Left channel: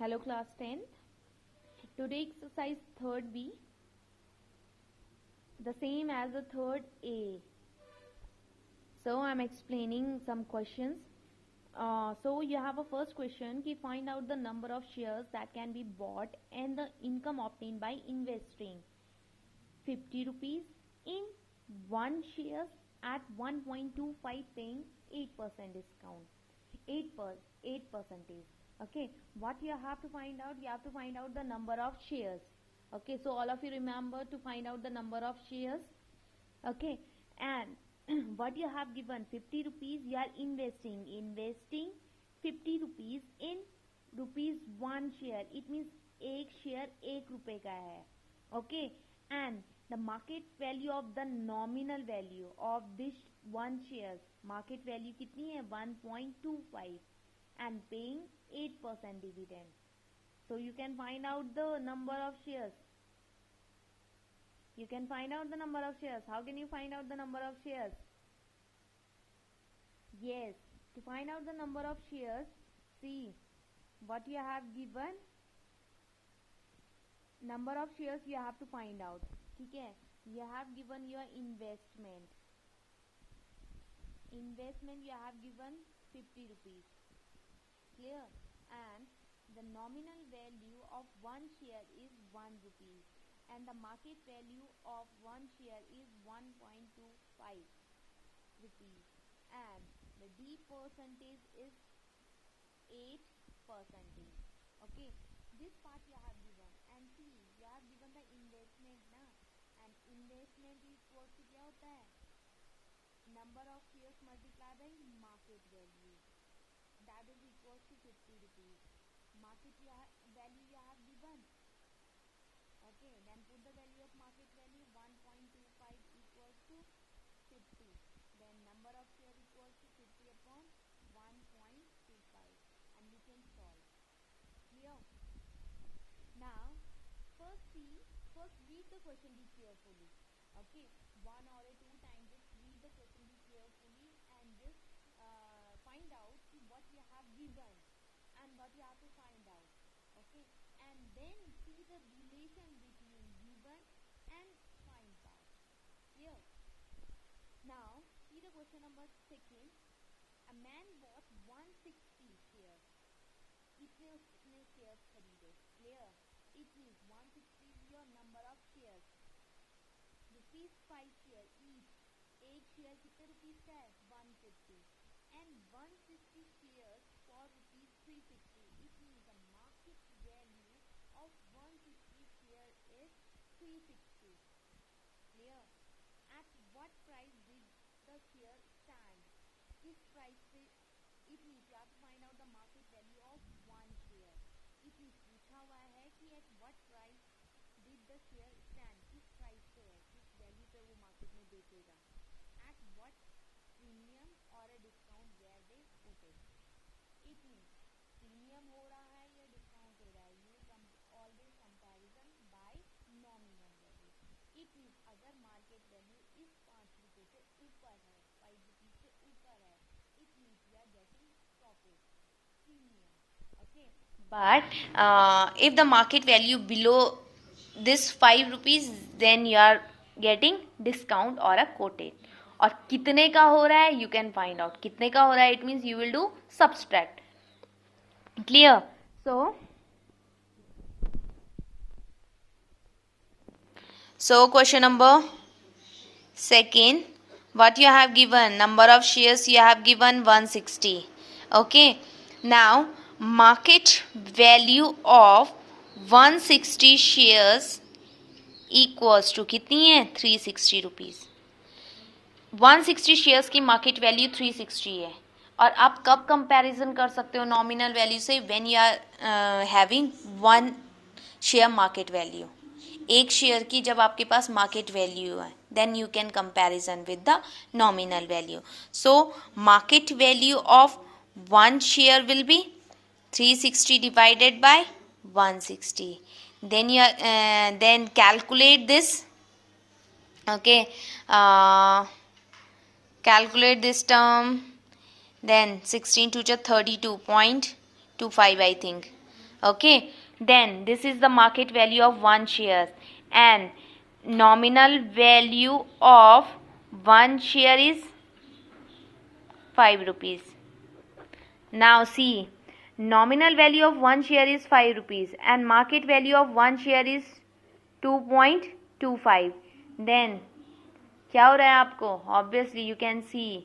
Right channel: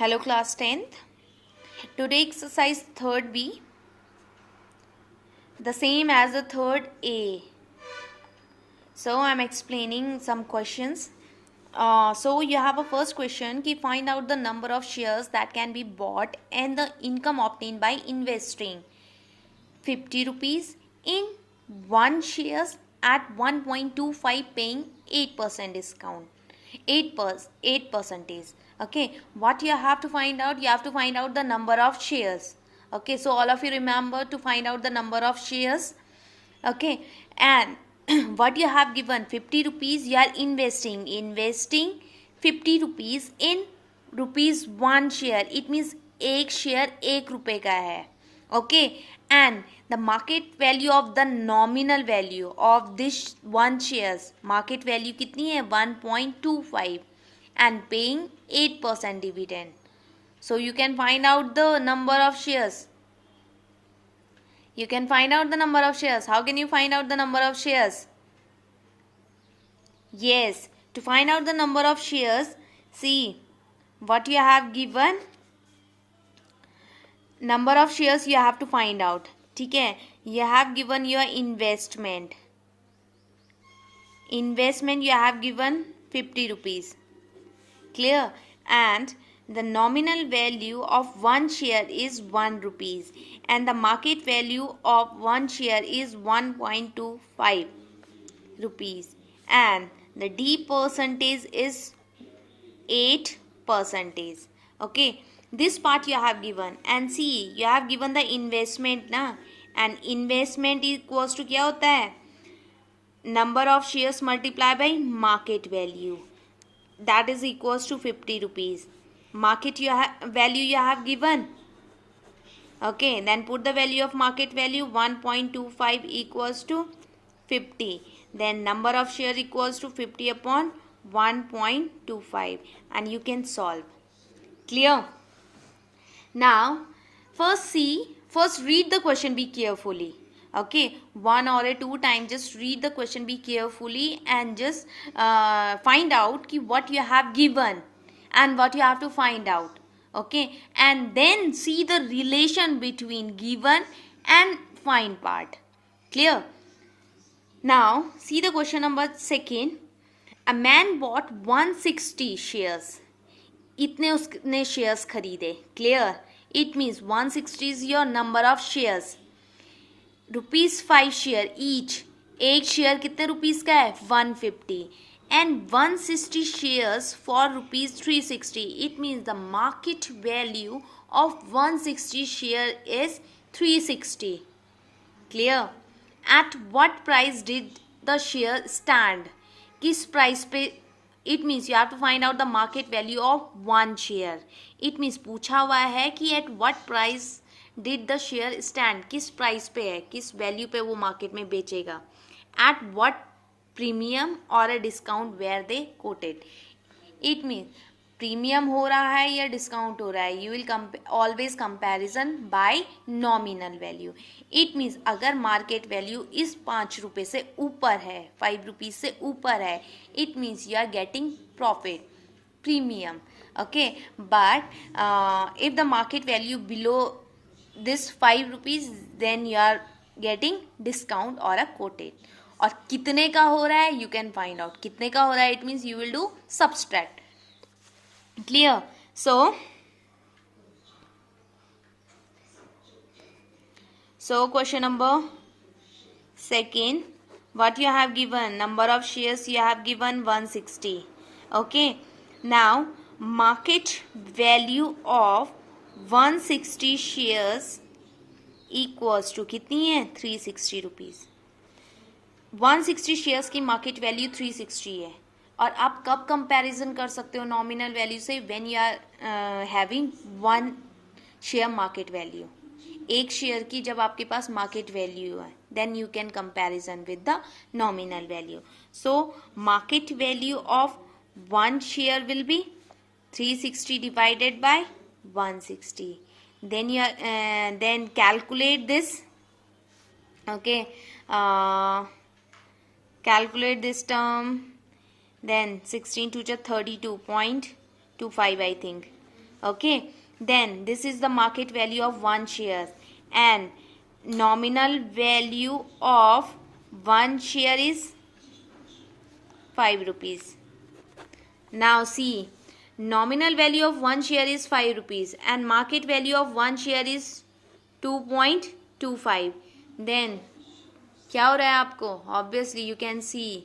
Hello class 10th. Today exercise third B, the same as the third A. So I'm explaining some questions. So you have a first question ki find out the number of shares that can be bought and the income obtained by investing 50 rupees in one shares at 1.25 paying 8% discount. 8 percentage. Okay, what you have to find out? You have to find out the number of shares. Okay, so all of you remember to find out the number of shares. Okay, and what you have given 50 rupees, you are investing 50 rupees in rupees one share. It means एक share 1 रुपए का है. Okay, and the market value of the nominal value of this one shares, market value कितनी है 1.25 and paying 8% dividend. So you can find out the number of shares. You can find out the number of shares. How can you find out the number of shares? Yes, to find out the number of shares, see what you have given. Number of shares you have to find out. ठीक है, you have given your investment. Investment you have given 50 rupees. Clear? And the nominal value of one share is 1 rupees and the market value of one share is 1.25 rupees and the D percentage is 8 percentage. Okay, this part you have given and see you have given the investment na, and investment equals to क्या होता है number of shares multiplied by market value, that is equals to 50 rupees. Market value you have given. Okay, then put the value of market value 1.25 equals to 50. Then number of share equals to 50 upon 1.25 and you can solve. Clear? Now, first read the question, be carefully. Okay, one or two times just read the question, be carefully and just find out ki what you have given and what you have to find out. Okay, and then see the relation between given and find part. Clear? Now, see the question number second. A man bought 160 shares. इतने उसने shares खरीदे. Clear? It means 160 is your number of shares. Rupees 5 share each. एक share कितने rupees का है 150 and 160 shares for rupees 360. It means the market value of 160 share is 360. Clear? At what price did the share stand? किस price पे? It means you have to find out the market value of one share. It means पूछा हुआ है कि at what price did the share stand? किस price पे है, किस वैल्यू पे वो मार्केट में बेचेगा. At what premium or a discount where they quoted. It means premium हो रहा है या डिस्काउंट हो रहा है. You will always comparison bye nominal value. It means अगर मार्केट वैल्यू इस 5 रुपये से ऊपर है, 5 रुपीज से ऊपर है, it means you are getting profit premium. Okay, but if the market value below this 5 rupees then you are getting discount और अ कोटेड. और कितने का हो रहा है यू कैन फाइंड आउट. कितने का हो रहा है it means you will do subtract. Clear? So question number second, what you have given, number of shares you have given 160. Okay, now market value of 160 shares equals to कितनी है 360 rupees. 160 shares की market value 360 है. और आप कब comparison कर सकते हो नॉमिनल वैल्यू से? When you are having one share market value. एक शेयर की जब आपके पास मार्केट वैल्यू है then you can comparison with the nominal value. So market value of one share will be 360 divided by 160. Then you then calculate this. Okay, calculate this term. Then 16 to 32.25 I think. Okay, then this is the market value of one share, and nominal value of one share is 5 rupees. Now see, nominal value of one share is 5 rupees and market value of one share is 2.25. Then क्या हो रहा है आपको? Obviously you can सी,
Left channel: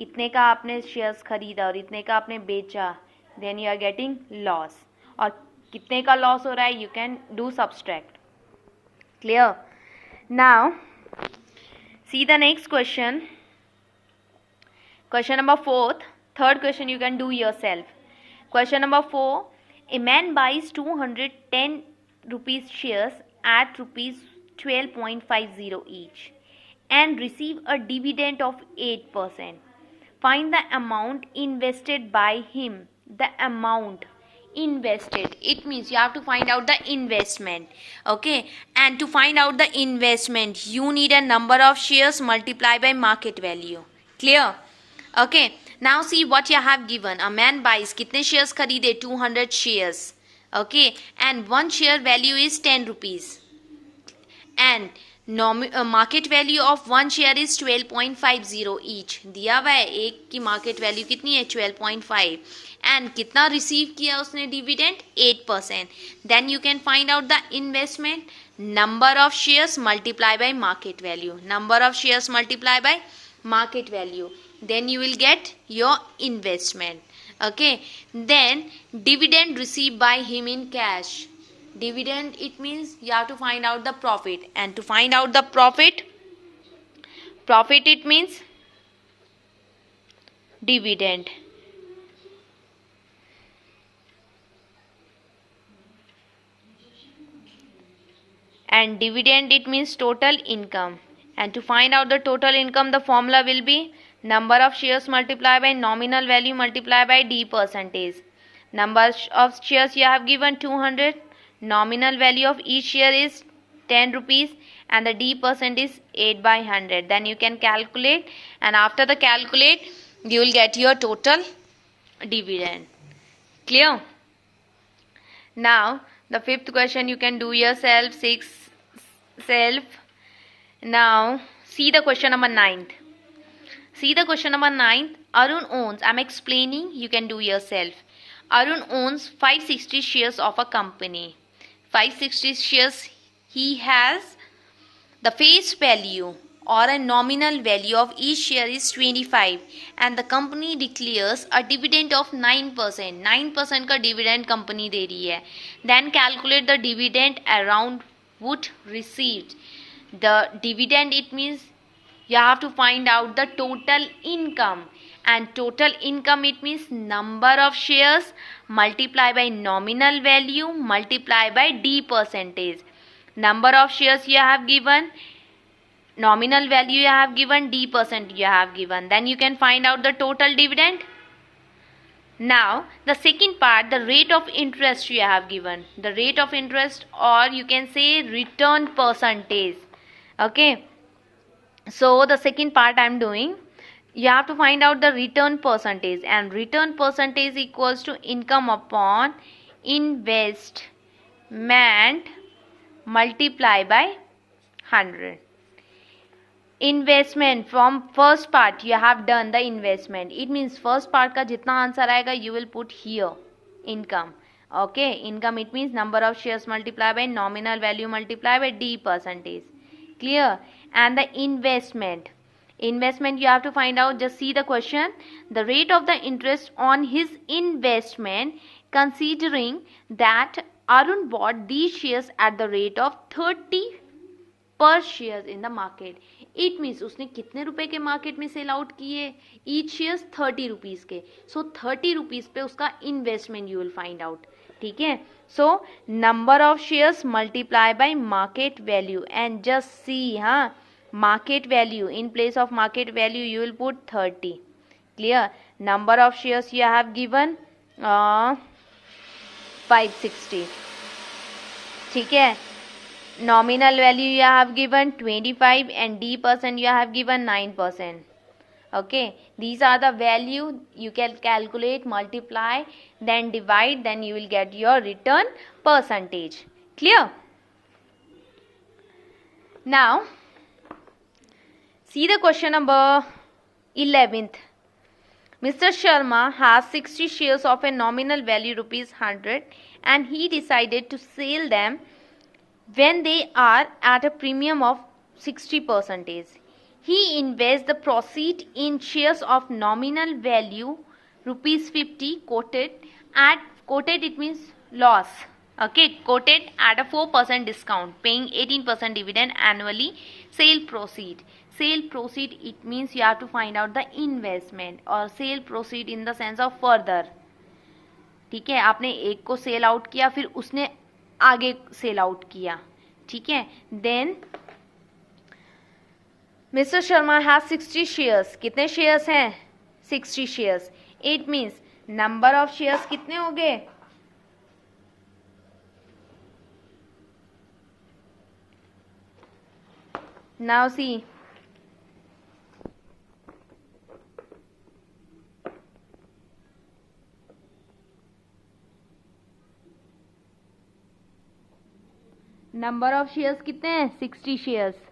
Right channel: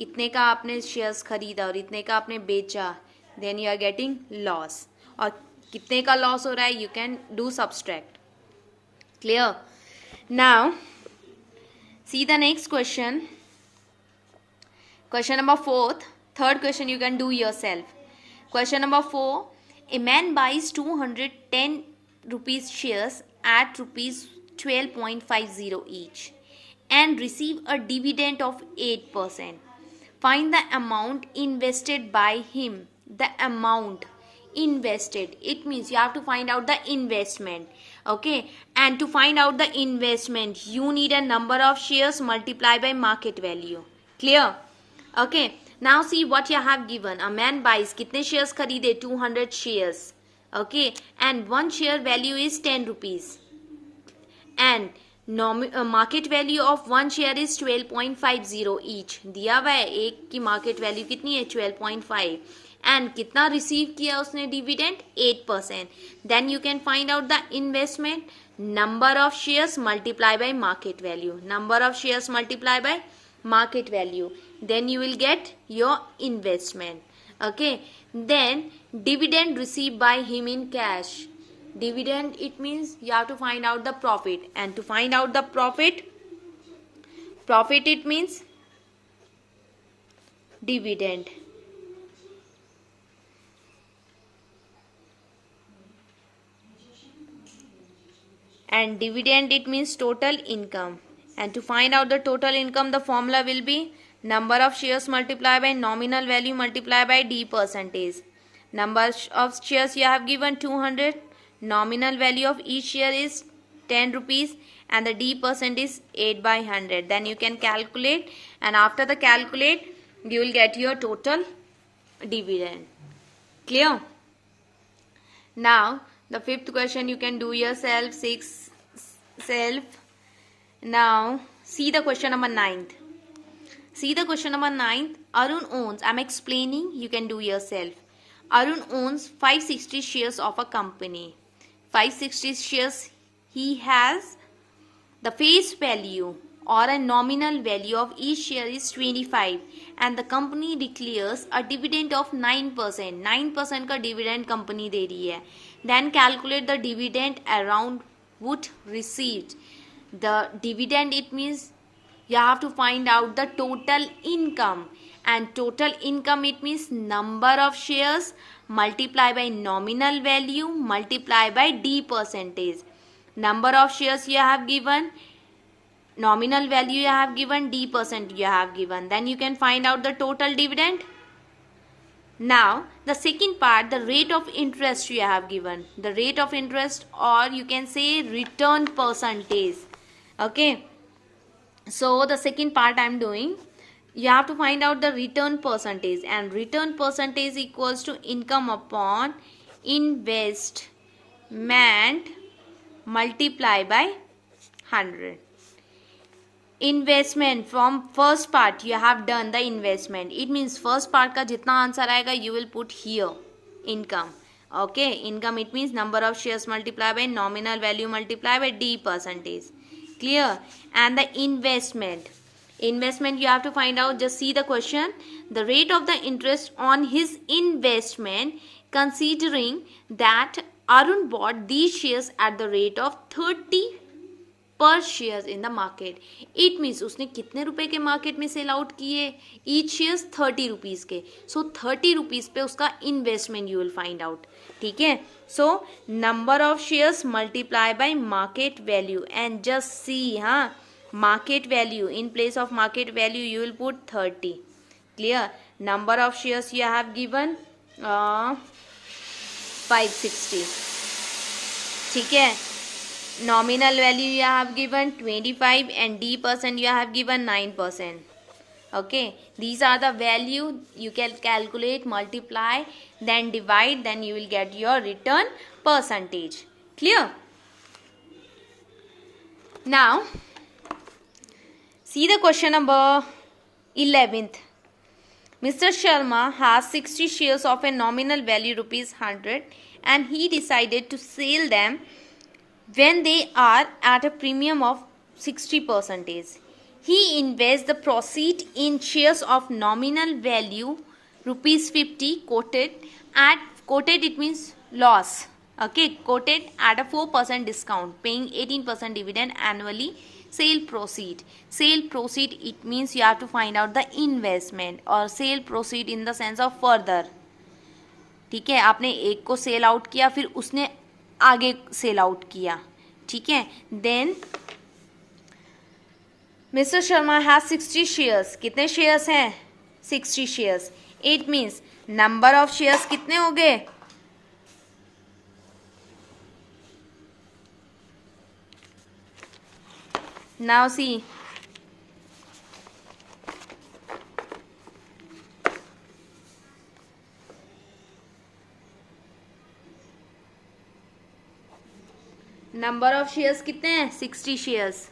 इतने का आपने shares खरीदा और इतने का आपने बेचा, then you are getting loss. और कितने का लॉस हो रहा है, you can do subtract. Clear? Now see the next question. Question number 4. Third question you can do yourself. Question number 4. A man buys 210 rupees shares at rupees 12.50 each and receive a dividend of 8%. Find the amount invested by him. The amount invested, it means you have to find out the investment. Okay, and to find out the investment you need a number of shares multiplied by market value. Clear? Okay, now see what you have given. A man buys, कितने shares खरीदे? 200 shares. Okay, and one share value is 10 rupees. And market value of one share is 12.50 each. दिया हुआ है एक की market value कितनी है? 12.5. And कितना receive किया उसने dividend? 8%. Then you can find out the investment. Number of shares multiplied by market value. Number of shares multiplied by market value. Then you will get your investment. Okay, then dividend received by him in cash. Dividend, it means you have to find out the profit, and to find out the profit it means dividend. And dividend, it means total income. And to find out the total income, the formula will be number of shares multiplied by nominal value multiplied by D percentage. Number of shares you have given 200. Nominal value of each share is 10 rupees and the D percent is 8 by 100. Then you can calculate, and after the calculate you will get your total dividend. Clear? Now the fifth question you can do yourself. Now see the question number 9. See the question number 9. Arun owns, I'm explaining, you can do yourself. Arun owns 560 shares of a company. 560 shares he has. The face value or a nominal value of each share is 25 and the company declares a dividend of 9%. 9% का dividend company दे रही है. Then calculate the dividend around would received. The dividend, it means you have to find out the total income, and total income, it means number of shares multiplied by nominal value multiplied by D percentage. Number of shares you have given, nominal value you have given, D percent you have given. Then you can find out the total dividend. Now the second part, the rate of interest you have given. The rate of interest, or you can say return percentage. Okay, so the second part I am doing, you have to find out the return percentage, and return percentage equals to income upon investment multiply by 100. Investment, from first part you have done the investment, it means first part का जितना answer आएगा you will put here income. Okay, income, it means number of shares multiplied by nominal value multiplied by D percentage. Clear? And the investment you have to find out. Just see the question. The rate of the interest on his investment, considering that Arun bought these shares at the rate of 30 per shares in the market. It means उसने कितने रुपए के market में sell out किए? Each shares 30 rupees के. So 30 rupees पे उसका investment you will find out. ठीक है? So number of shares multiply by market value, and just see, हाँ, market value, in place of market value you will put 30. Clear? Number of shares you have given 560. ठीक है? Nominal value you have given 25 and D percent you have given 9%. Okay, these are the value. You can calculate, multiply, then divide, then you will get your return percentage. Clear? Now see the question number 11th. Mr. Sharma has 60 shares of a nominal value rupees 100 and he decided to sell them when they are at a premium of 60%. He invests the proceed in shares of nominal value rupees 50 quoted it means loss. Okay, quoted at a 4% discount, paying 18% dividend annually. Sale proceed it means you have to find out the investment, और sale proceed in the sense of further. ठीक है, आपने एक को sell out किया, फिर उसने आगे सेल आउट किया. ठीक है, then mister Sharma has 60 shares. कितने शेयर्स हैं? 60 shares. It means number of shares कितने हो गए? Now see, number of shares कितने हैं? 60 शेयर्स.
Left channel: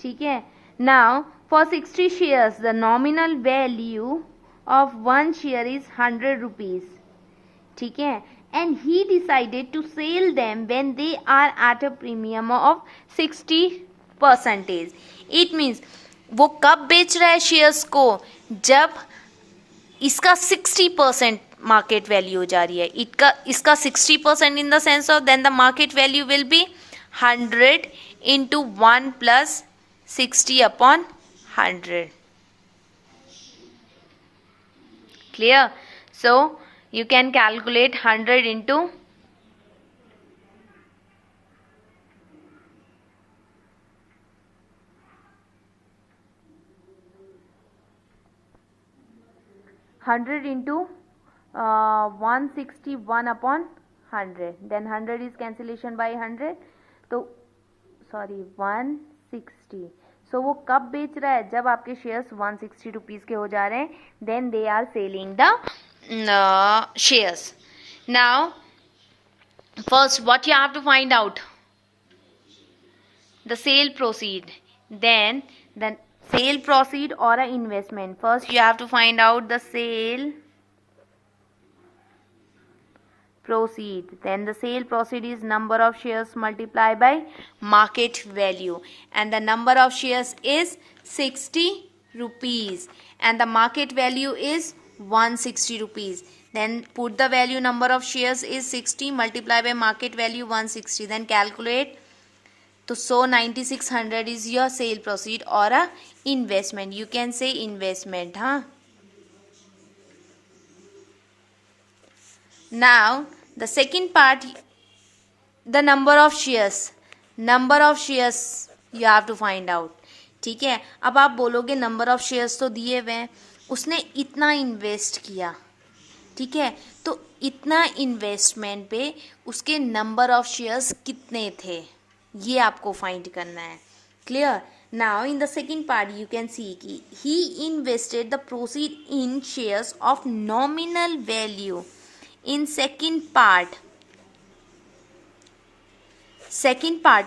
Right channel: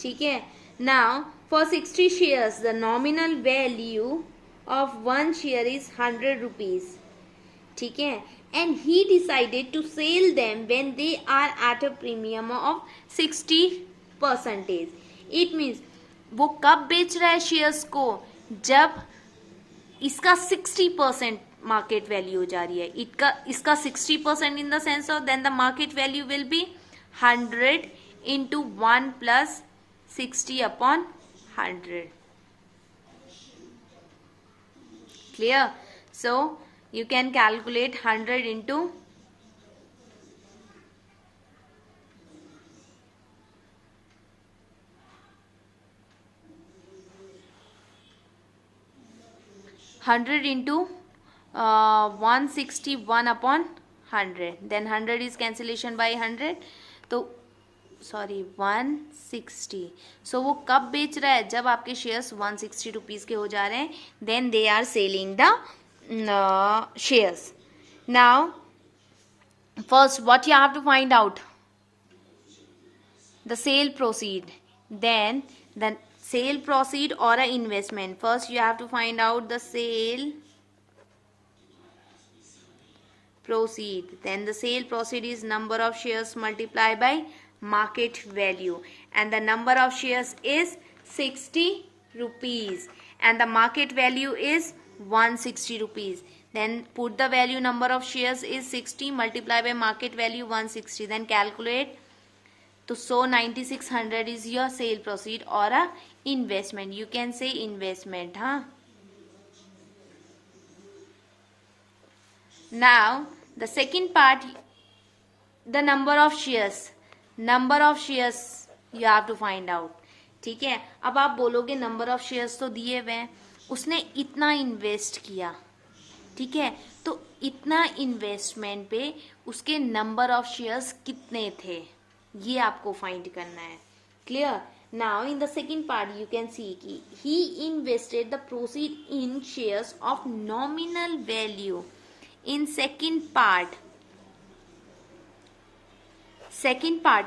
ठीक है, now for 60 shares the nominal value of 1 share is 100 rupees. ठीक है, and he decided to sell them when they are at a premium of 60%. It means वो कब बेच रहा है शेयर्स को? जब इसका 60% मार्केट वैल्यू हो जा रही है. इसका 60% in the sense of then the market value will be 100 into 1 plus 60 upon 100. Clear? So you can calculate 100 into 161 upon 100. Then 100 is cancellation by 100. तो सॉरी 160. सो वो कब बेच रहा है? जब आपके शेयर्स 160 रुपीज़ के हो जा रहे हैं, then they are selling the shares. Now first what you have to find out? The sale proceed. Then the sale proceed or a investment. First you have to find out the sale proceed. Then the sale proceed is number of shares multiplied by market value, and the number of shares is 60 rupees and the market value is 160 rupees. Then put the value, number of shares is 60 multiplied by market value 160. Then calculate. तो 9600 is your sale proceed or a investment. You can say investment. Now the second part, the number of shares. Number of shares you have to find out. ठीक है, अब आप बोलोगे number of shares तो दिए हुए हैं, उसने इतना इन्वेस्ट किया. ठीक है, तो इतना इन्वेस्टमेंट पे उसके नंबर ऑफ शेयर्स कितने थे, ये आपको फाइंड करना है. Clear? Now in the second part you can see कि he invested the proceed in shares of nominal value. In second part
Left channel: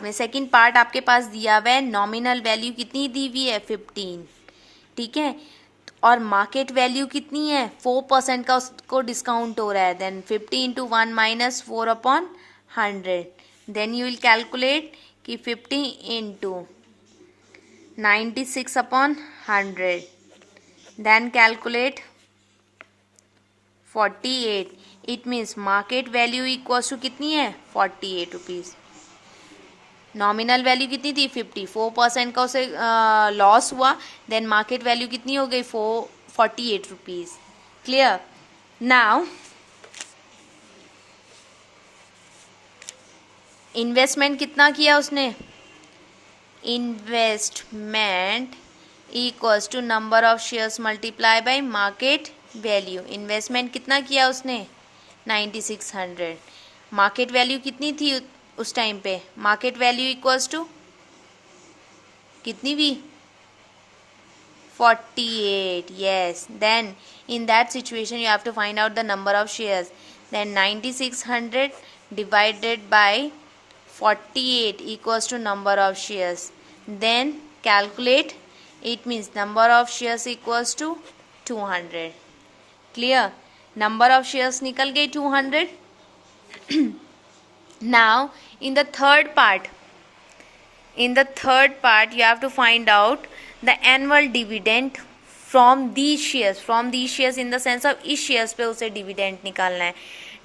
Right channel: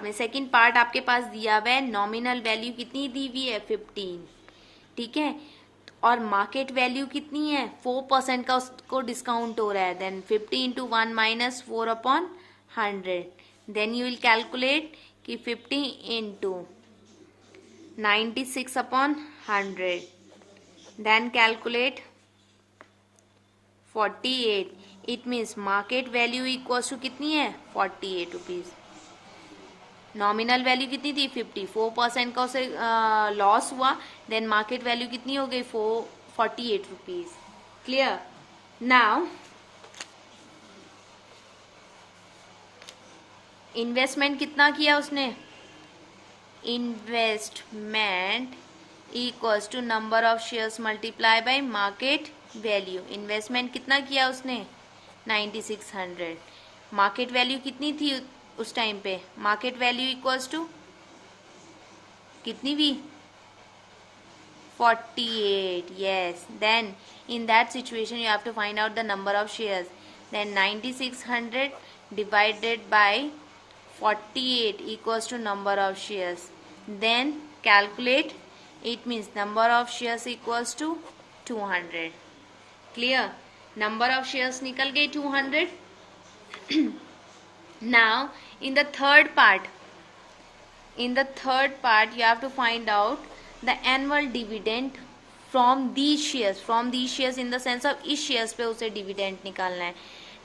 में सेकेंड पार्ट आपके पास दिया हुआ है. नॉमिनल वैल्यू कितनी दी हुई है? 15. ठीक है, और मार्केट वैल्यू कितनी है? 4% का उसको डिस्काउंट हो रहा है. Then 50 into 1 minus 4 upon 100. Then you will calculate कि 50 into 96 upon 100. Then calculate 48. It means market value equals to कितनी है? 48 रुपीज़. नॉमिनल वैल्यू कितनी थी? 50. 4% का उसे लॉस हुआ. देन मार्केट वैल्यू कितनी हो गई? 48 रुपीज़. क्लियर? नाउ इन्वेस्टमेंट कितना किया उसने? Investment equals to number of shares multiply by market value. Investment कितना किया उसने? 9600. मार्केट वैल्यू कितनी थी उस टाइम पे? मार्केट वैल्यू इक्वल्स टू कितनी भी? 48. Yes, then in that situation you have to find out the number of shares. Then 9600 divided by 48 equals to number of shares. Then calculate, it means number of shares equals to 200. Clear? Number of shares निकल गई 200. Now in the third part you have to find out the annual dividend from these shares in the sense of इस shares पे उसे dividend निकालना है.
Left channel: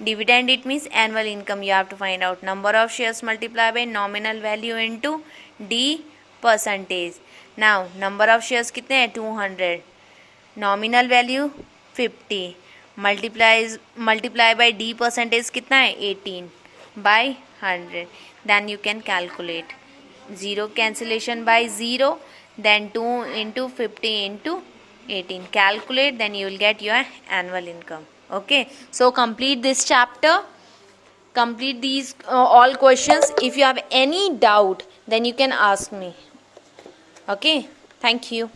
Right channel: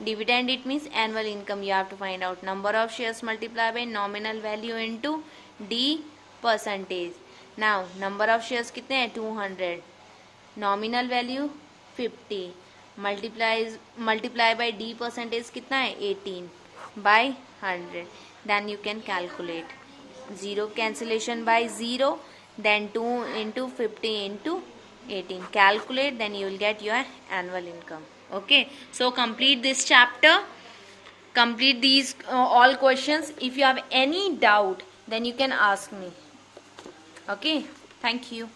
Dividend it means annual income. You have to find out number of shares multiplied by nominal value into D percentage. Now number of shares कितने हैं 200, nominal value 50, multiply by D percentage कितना है 18 by 100. Then you can calculate. 0 cancellation by 0, then 2 into 50 into 18. Calculate, then you will get your annual income. Okay, so complete this chapter, complete these all questions. If you have any doubt, then you can ask me. Okay, thank you.